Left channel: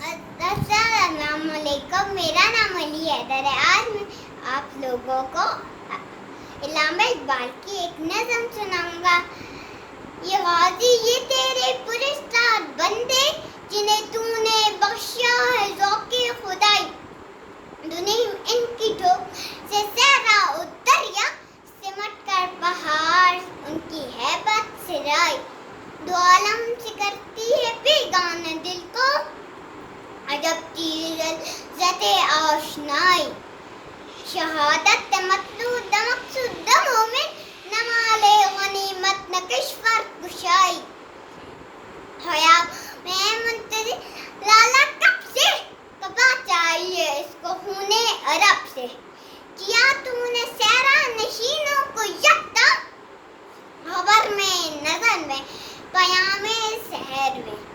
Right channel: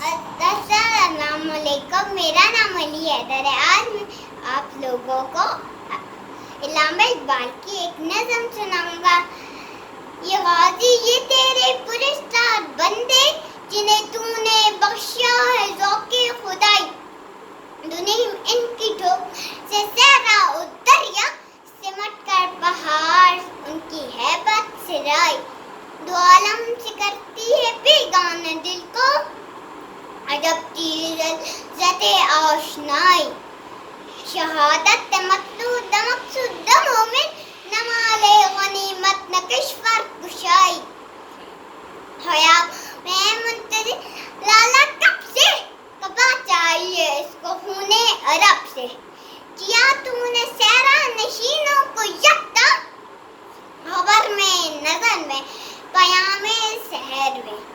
अस्सलाम वालेकुम। मेरा नाम अली हैदर है। आज मैं आप लोगों को इल्लामा इकबाल की एक नज़म सुनाऊंगा। ये गाजी ये तेरे पुरस्कार बंदे जिन्हें तूने बख्शा है ज़ौक़े खुदाई, दुनिया इनकी ठोक से सहरा उतरिया, सिमट कर पहाड़ उनकी हैबत से राई, दो आलम से करती है बेगाना दिल को अजब चीज़ ज़ते आशनाई, शहादत मक़सूद मक़सूद मोमिन नमाले गनीमत न किश्वर कुशाई, हया में मुंतज़िर लाला कब से कबा चाहिए इसको खूने अरब से, किया तूने सहरा नशीनों को यकता, खबर में नज़र में पयामे सहर में।